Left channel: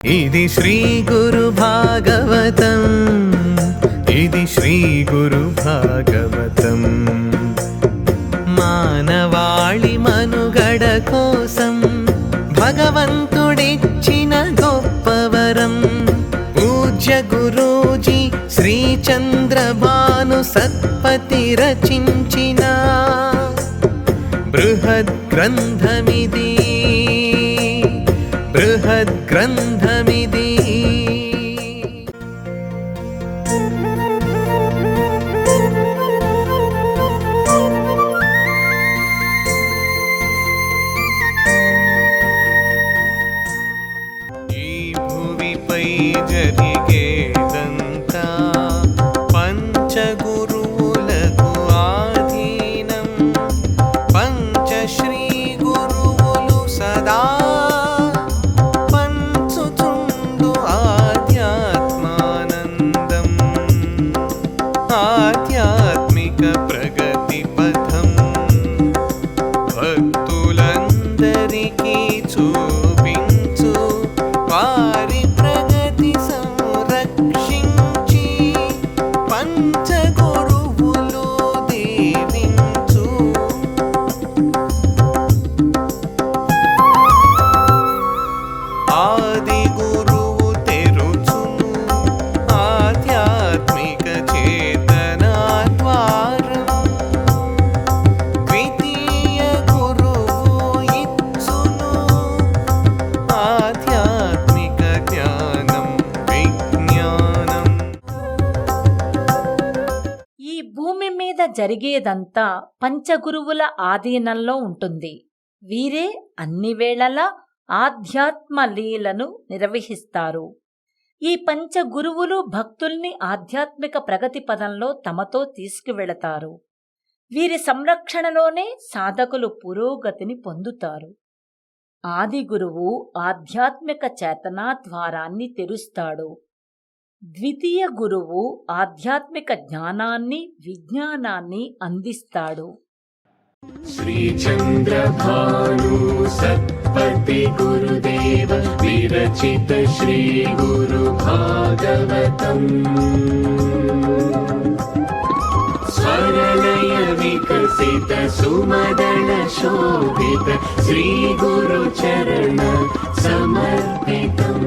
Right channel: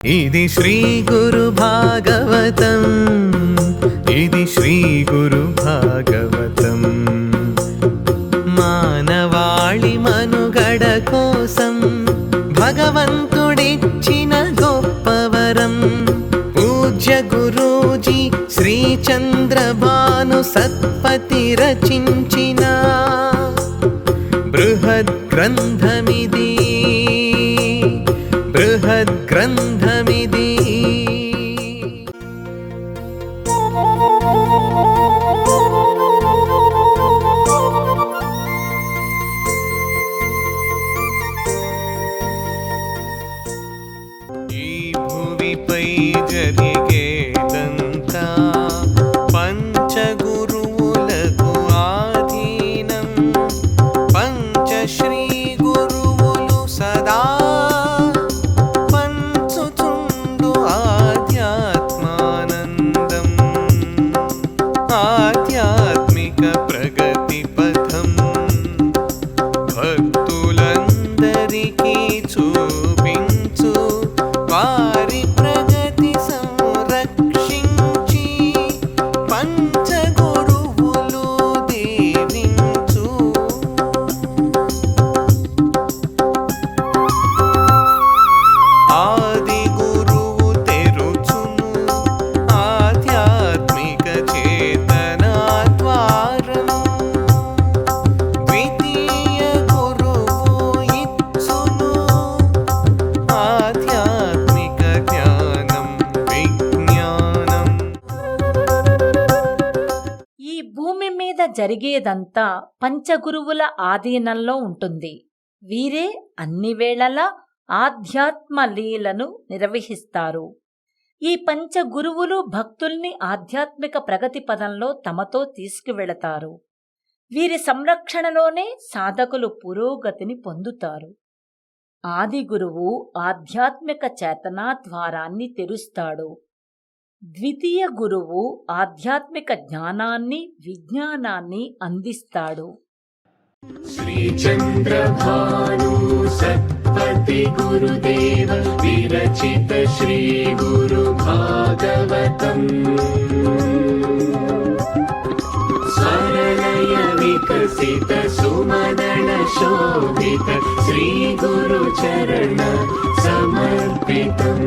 ఇది శ్రీ గురు భాగవతం, ఇది శ్రీ గురు భాగవతం. మానవాళి మనుగడ కోసం భగవంతుడిచ్చిన గొప్పవరం. పూజ్య గురూజీ శ్రీ చంద్రభాను సత్పతి రచించిన బృహద్ గ్రంథమిది, బృహద్ గ్రంథమిది. ఈ భువిపై జరిగేదంతా పంచగురువులకు ఆధీనం. పంచశ్రీ గురువులు సదా పంచుచుండు ఆధ్యాత్మానందం. ఆధ్యాత్మిక ప్రగతి పథం భక్తులందరికీ చూపించు. వారి ప్రగతి సంరక్షించి పంచగురువులు దీవించు. ఆది గురువు తెరుచును ఆధ్యాత్మిక చేతనా ద్వారం. ద్వితీయ గురువు ఇచ్చును ఆధ్యాత్మిక జ్ఞానం విజ్ఞానం. ఈ భూమి మీద జరిగేదంతా పంచగురువుల ఆధీనంలో ఉంటుంది. వీరే అన్ని వేళలా ఆధ్యాత్మ లీలను నిర్వహిస్తారు. ఈ పంచగురువులు భక్తుల్ని ఆధ్యాత్మిక ప్రగతి పదంలో తమతో తీసుకువెళతారు. వీరి సంరక్షణలోనే సాధకులు పురోగతిని పొందుతారు. ఆది గురువు ఆధ్యాత్మిక చేతనా ద్వారాన్ని తెరుస్తాడు. ద్వితీయ గురువు ఆధ్యాత్మిక జ్ఞానాన్ని విజ్ఞానాన్ని అందిస్తాడు. శ్రీ చంద్రభాను సత్పతి గురుదేవ విరచిత శ్రీ గురు భాగవతం. స్వరలయ వికసిత సుమదన శోభిత శ్రీ గురు చరణ సమర్పితం.